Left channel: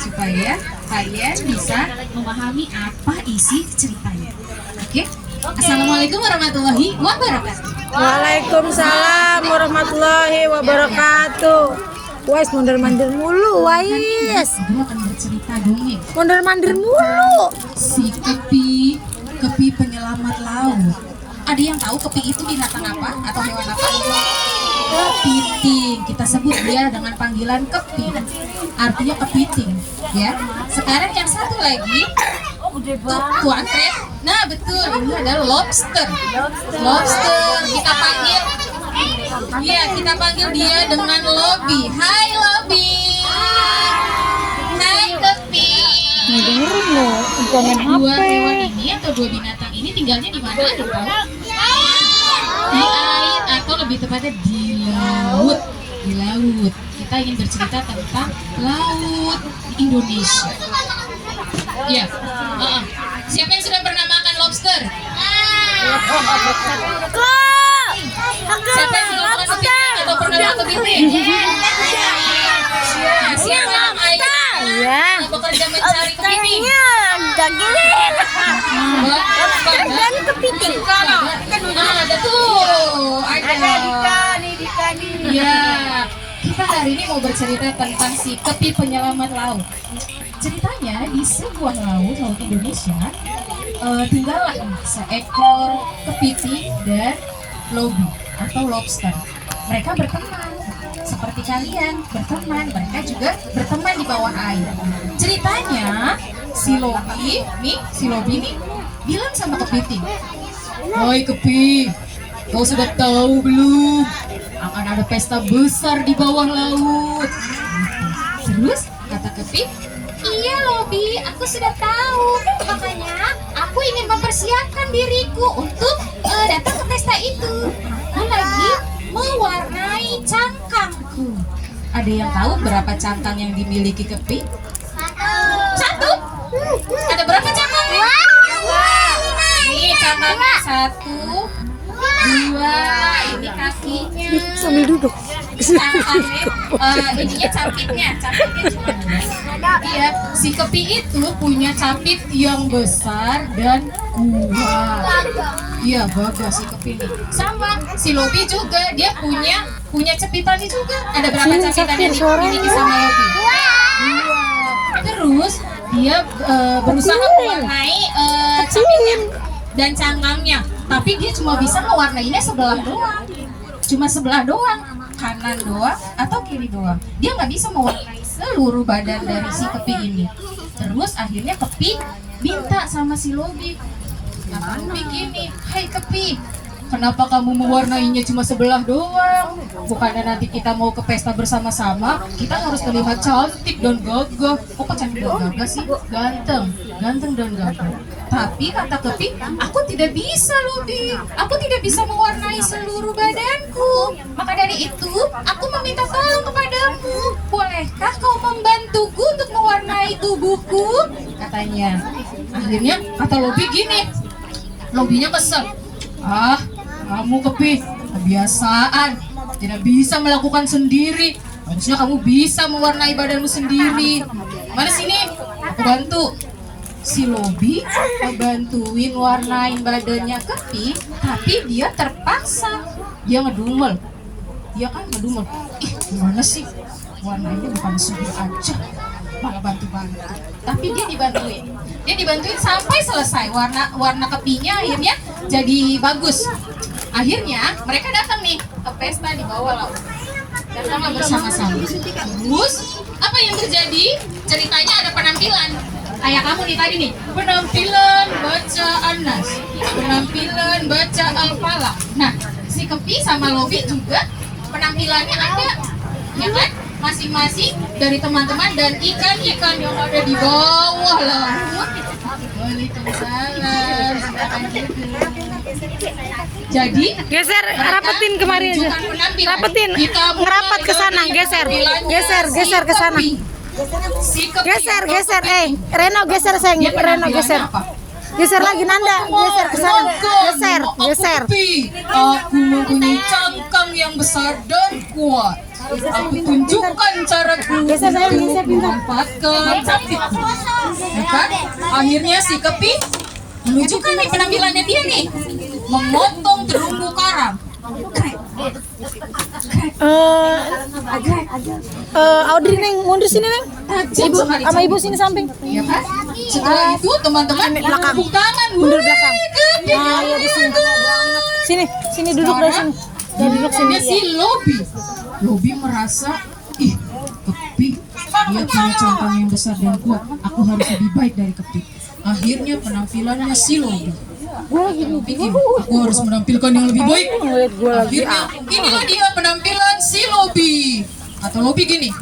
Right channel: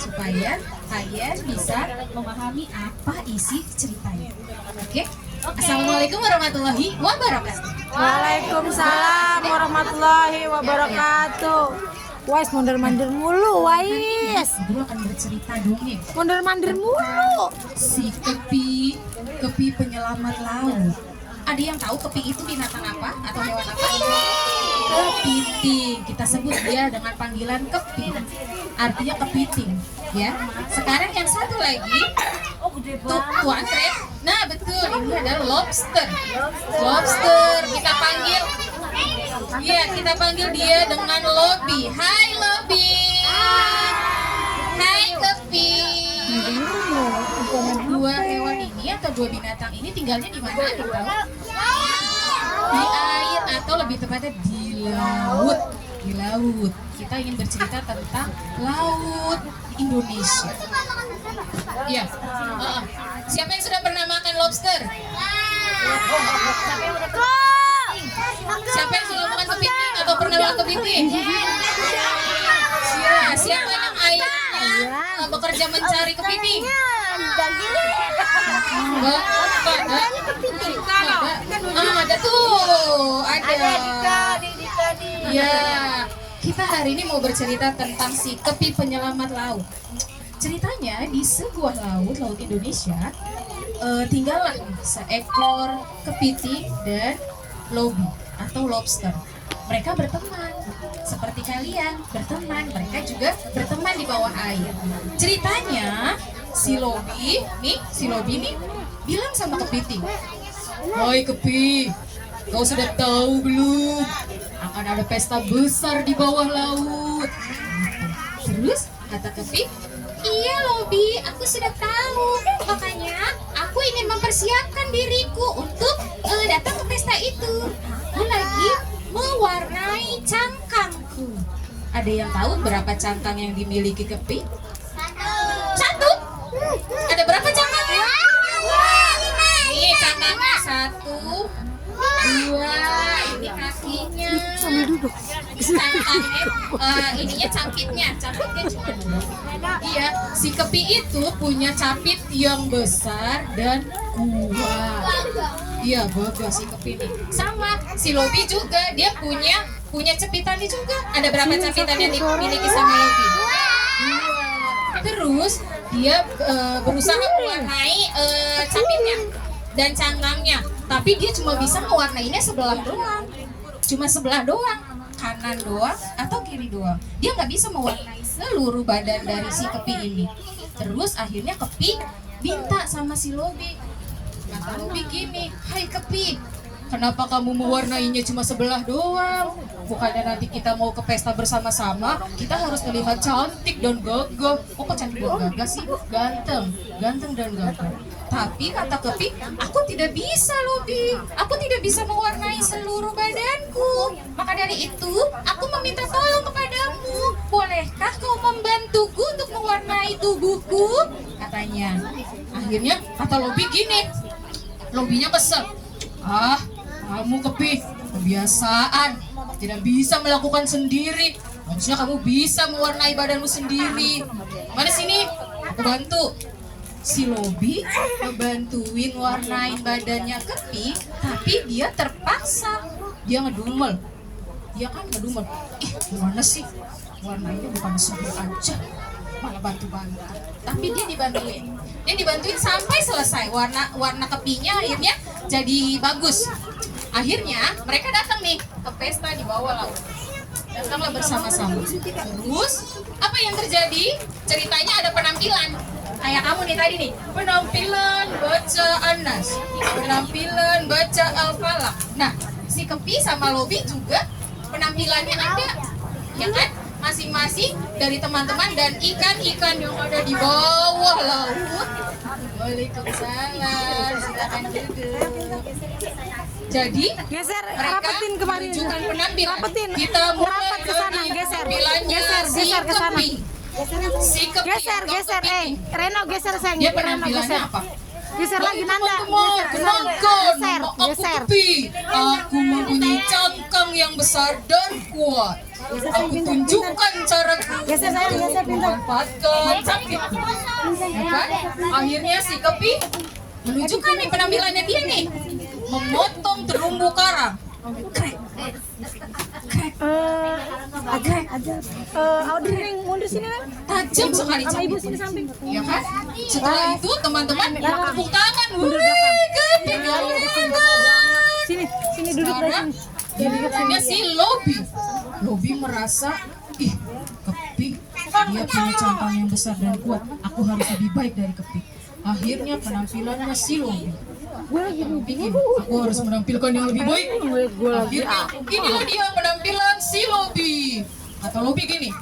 supaya kalian bisa memahami apa isi ceritanya. Oke? Assalamualaikum warahmatullahi wabarakatuh. Waalaikumsalam warahmatullahi wabarakatuh. Wais mondar-mandir mulu, Wais. Gua akan bercerita dongeng. Mondar-mandir mulu. Si kepi penyelamat laut. Ada yang tahu kepi itu binatang apa atau hewan apa? Kepiting. Kita sebut dia dengan panggilan kepi. Artinya kepiting, ya. Sekarang yang satu lagi, tuan Fred. Nah, betul. Ini adalah lobster. Lobster. Kita panggil dia dengan Lobby. Hai Lobby. Hai kepi. Dengerin lo, jangan Dua HP. hewan ini atau dua binatang ini tinggalnya di mana? Ada tahu? Di air atau lebih tepatnya di laut. Di laut. Kita ingin bercerita tentang laut Indonesia. Iya. Siapa yang sudah pernah makan lobster? Siapa yang sudah makan kepiting atau pernah makan kepiting? Siapa yang Iya. bekerja mencari kepiting? Kepiting. Ada tuh. Ada. Ya, kita hari ini mau bercerita tentang si kepi penyelamat laut. Ceritanya di sebuah laut Indonesia, tinggallah seekor kepiting dan Lobby atau lobster. Mereka berteman seperti kalian berteman. Mereka juga berteman di bawah air. Ceritanya si Lobby nih bilang sama kepiting, "Hai kepi, kau sudah tahu belum? Akan ada pesta besar di bawah laut." Terus kata kepi, "Iya Lobby, aku sudah tahu. Makanya aku ingin mempersiapkan diriku untuk datang ke pesta itu. Aku lagi mewarnai cangkangku." Ada yang tahu berapa cangkang yang dimiliki kepi? Satu. Ada berapa cangkangnya? Ini cangkangnya 1, 2. Ini kakinya. Sambil duduk. Ininya capitnya cuma 2. Iya, si kepi itu punya capit yang besar dan kuat. Iya, bagus si kepi ini. Sama si Lobby juga, dia punya capitannya juga. Ada berapa capitan yang dimiliki sama Lobby? 2. Terus dia berusaha mewarnai capitnya dan cangkangnya, tapi dia cuma bisa mewarnainya sebelah doang. Cuma sebelah doang, kanan doang atau kiri doang. Dia nggak bisa mewarnai seluruh badan dari si kepi ini. Terus akhirnya kepi minta sama si Lobby, kata Lobby gini, "Hai kepi, kenapa kamu mewarnainya cuma sebelah doang? Bukannya nanti kita mau ke pesta bersama-sama, kita harus terlihat cantik dan gagah." "Oh, kok cantik dan gagah sih? Ganteng dan gagah." Tapi kata kepi, "Aku tidak bisa Lobby, aku tidak bisa mewarnai seluruh badanku. Maka dari itu, aku meminta tolong kepadamu. Bolehkah kau membantuku untuk mewarnai tubuhku?" katanya. Akhirnya kata Lobby gini, Lobbynya kesel, "Kamu kepi, kebiasaan, tidak bisa melakukan sendiri. Harusnya kamu bisa mewarnai badanmu sendiri. Mana sini, aku bantu." Si Lobby ngebantuin warnain badannya kepi, tapi dia terpaksa. Dia ngedumel. "Ih, gimana sih? Warnanya bukan sudah aja, malah bantu-bantu." Tapi dia dibantuin sampai selesai. Warna kepinya akhirnya jadi bagus. Akhirnya mereka datang nih ke pesta di bawah laut. Datanglah bersama-sama. Terus apa yang terjadi? Ceritanya ada penampilan. Kayak kamu nih tadi nih, penampilan baca Anas, penampilan baca Al-Falaq. Nah, si kepi sama Lobby juga penampilannya ada, ya kan? Masing-masing dari teman-teman dan ikan-ikan yang ada di bawah laut. Waalaikumsalam. Silakan duduk. Jadi Geser, rapetin kemarin. Rapetin, ngerapat ke sana, geser ke sana. Geser, Reno geser sayang, Reno geser. Geser lagi Nanda, geser ke sana. Geser. Aku mempunyai cangkang yang besar dan kuat. aku tunjukkan caraku Geser, sayang, untuk geser, pintar. memanfaatkan capit. Ya kan? Akhirnya si Kepi menunjukkan nih penampilannya dia nih, memotong terumbu karang. Audrey neng mundur sini neng. Tajam Ibu sekali sama ibu capit. sini samping. Ya kan? Setelah itu teman-teman Belakang. tepuk tangan. Mundur Wih, belakang. Kepi, Nah, iya, di sini. Sini, sini duduk dari sini. Dan duduk sini. Dia si Lobi merasa, ih, Kepi, dia punya cangkang yang besar dan kuat. Aku harus lebih baik dari Kepi. Akhirnya penampilannya si Lobi. Lobi ini, aku harus menampilkan yang lebih baik. Ngeliat gue lagi. Akhirnya inilah dia penampilan si Lobi. Atau Lobi gini,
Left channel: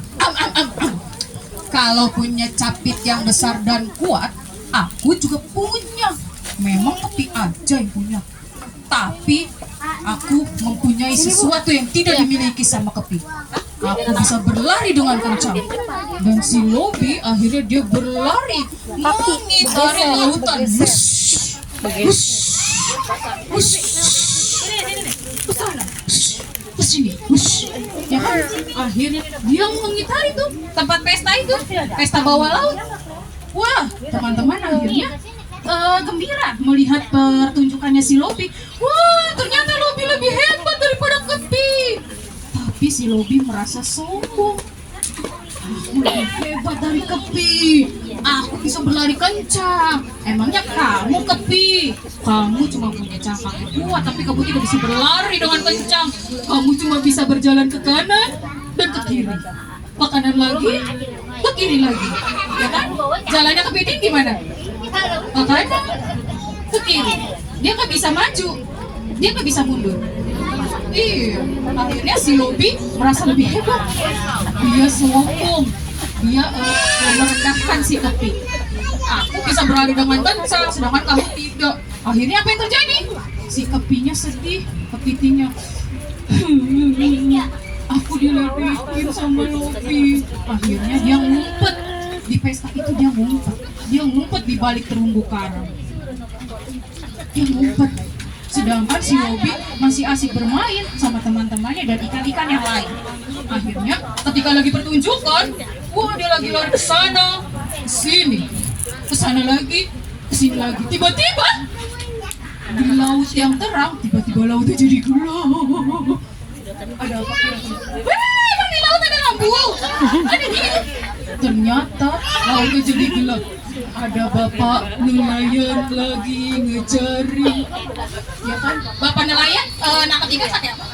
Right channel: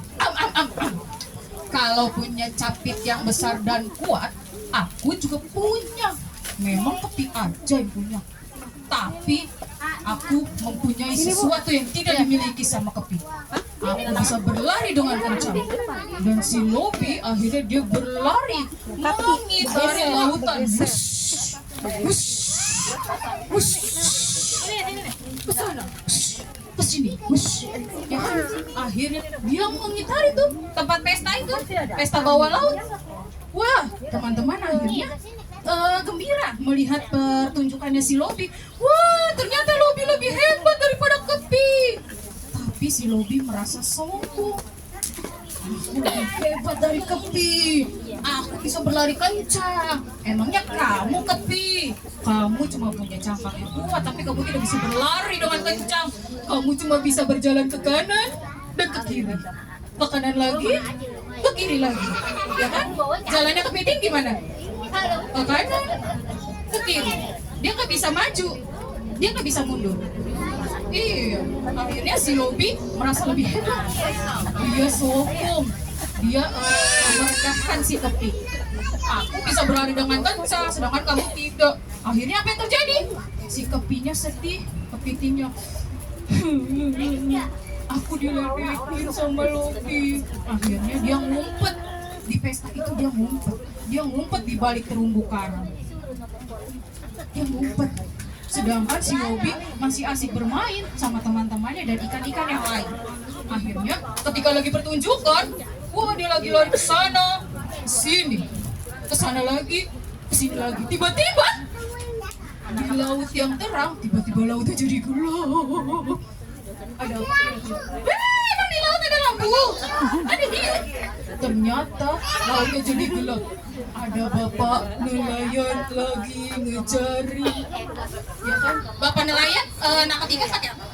kalau punya capit yang besar dan kuat, aku juga punya. Memang Kepi aja yang punya. Tapi aku mempunyai sesuatu yang tidak dimiliki sama Kepi. Aku bisa berlari dengan kencang. Dan si Lobi akhirnya dia berlari mengitari lautan. Wush, wush, wush, kesana, kesini, wush. Ya kan? Akhirnya dia mengitari tuh tempat pesta itu, pesta bawah laut. Wah, teman-teman akhirnya gembira melihat pertunjukannya si Lobi. Wah, ternyata Lobi lebih hebat daripada Kepi. Tapi si Lobi merasa sombong. Aku lebih hebat dari Kepi. Aku bisa berlari kencang. Emangnya kamu, Kepi? Kamu cuma punya cangkang yang kuat, tapi kamu tidak bisa berlari dengan kencang. Kamu cuma bisa berjalan ke kanan dan ke kiri. Ke kanan lagi, ke kiri lagi. Ya kan? Jalannya kepiting gimana? Ke kanan, ke kiri. Dia nggak bisa maju, dia nggak bisa mundur. Iya, akhirnya si Lobi merasa lebih hebat. Dia sombong, dia merendahkan si Kepi. Aku bisa berlari dengan kencang, sedangkan kamu tidak. Akhirnya apa yang terjadi? Si Kepinya sedih, kepitingnya. Aku diledekin sama Lobi. Akhirnya dia ngumpet di pesta itu, dia ngumpet di balik terumbu karang. Dia ngumpet. Sedangkan si Lobi masih asik bermain sama teman-temannya dan ikan-ikan yang lain. Akhirnya ketika lagi pertunjukan, wah dia lagi lari ke sana, ke sini, ke sana lagi, ke sini lagi. Tiba-tiba di laut yang terang, tiba-tiba lautnya jadi gelap. Ada apa kira-kira? Emang di laut ada lampu? Ada ini. Ternyata lautnya jadi gelap. Ada bapak nelayan lagi ngejaring. Ya kan? Bapak nelayan nangkap ikan pakai apa?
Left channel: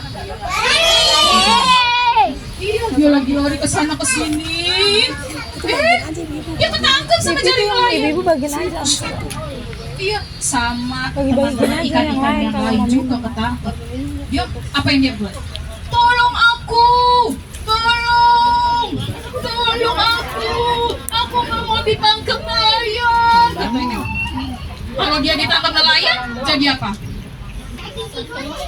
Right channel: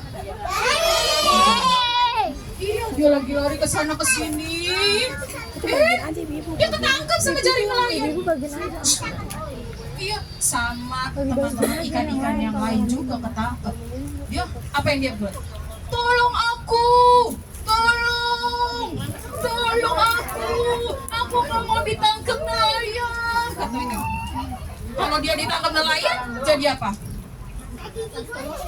Iya, dia lagi lari ke sana ke sini. Dia ketangkep sama jaring nelayan. Ibu bagian aja. Iya, sama Bagi-bagi teman-teman aja ikan-ikan yang lain juga ketangkep. Dia apa yang dia buat? Tolong aku, tolong aku nggak mau ditangkap nelayan. Katanya. Kalau dia ditangkap nelayan, jadi apa?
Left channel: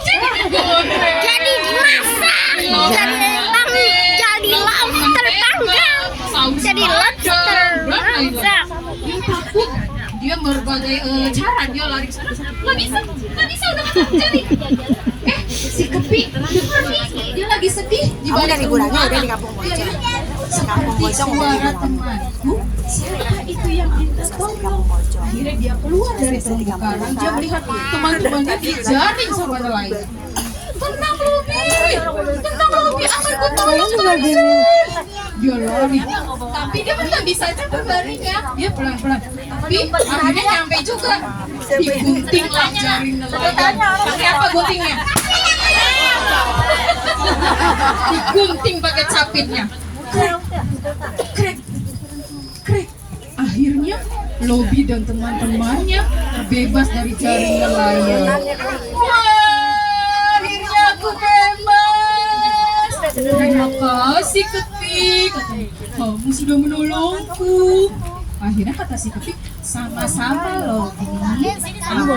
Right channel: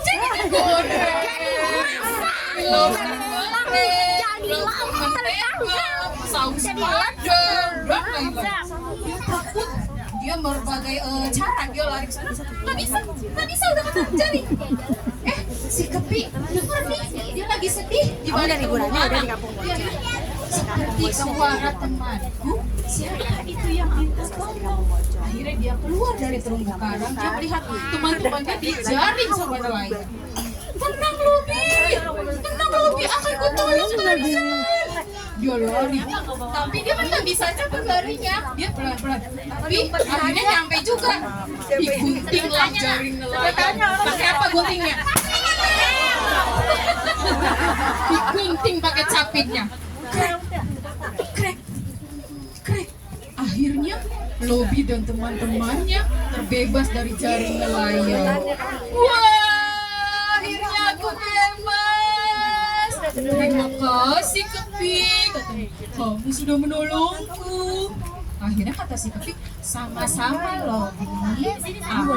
Jadi digoreng. Jadi dimasak, jadi lauk terpanggang, jadi lobster masak. Dia takut, dia berbagai cara dia lari ke sana. Nggak bisa udah ketangkep jadi. Si Kepi, dengar nih, dia lagi sedih di balik terumbu karang. Seperti suara temanku, siapa itu yang minta tolong? Akhirnya dia keluar dari terumbu karang, dia melihat teman-temannya dijaring sama nelayan. Tenang Lobi, akan ku tolong kamu. Dia lari, tapi dia kan nggak bisa cepat larinya, dia pelan-pelan. Tapi akhirnya nyampe juga, diguntinglah jaring nelayan. Pakai apa guntingnya? Digunting pakai capitnya. Krek. Akhirnya Lobi dan teman-temannya terbebas dari jaring nelayan. Wah, akhirnya aku bebas. Terima kasih Kepi, katanya. Kamu sudah menolongku. Akhirnya kata si Kepi, sama-sama Lobi. Aku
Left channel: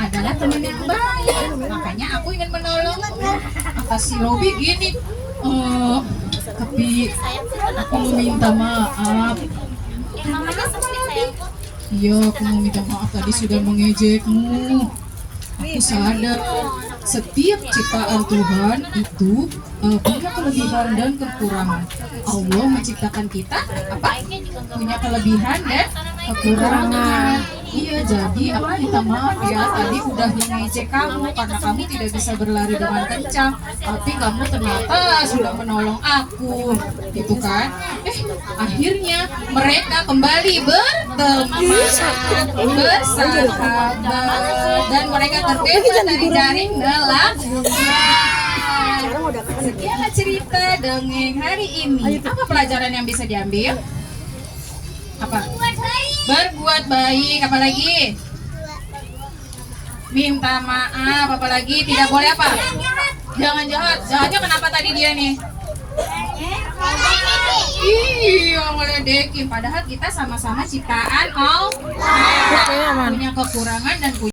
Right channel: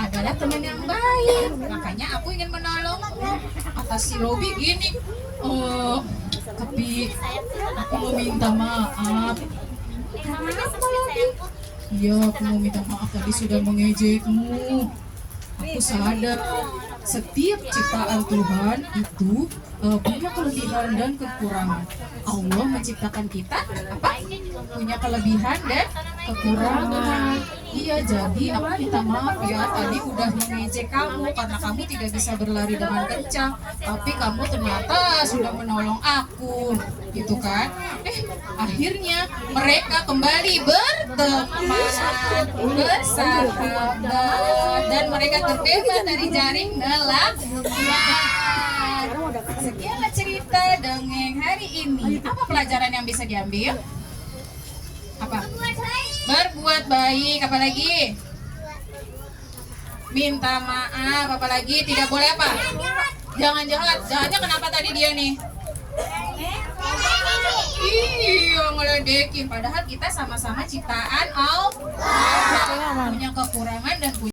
adalah teman yang baik, makanya aku ingin menolongmu. Kata si Lobi gini, Kepi, aku mau minta maaf. Iya, aku mau minta maaf tadi sudah mengejekmu. aku sadar setiap ciptaan Tuhan itu punya kelebihan dan kekurangan. Allah menciptakan kita apa? Punya kelebihan dan kekurangan. Iya, jadi aku minta maaf ya, tadi udah mengejek kamu karena kamu tidak bisa berlari dengan kencang, tapi kamu ternyata sudah menolong aku, gitu kan? Akhirnya mereka kembali berteman, bersahabat, dan mereka terbebas dari jaring nelayan. Sekianlah cerita dongeng hari ini. Apa pelajaran yang bisa diambil? Apa? Berbuat baik, apalagi? Minta maaf, apalagi? Tidak boleh apa? Jangan jahat. Jahatnya kenapa tadi dia nih? Iya, ngeledekin. Padahal kita sama-sama ciptaan Allah. Punya kekurangan dan punya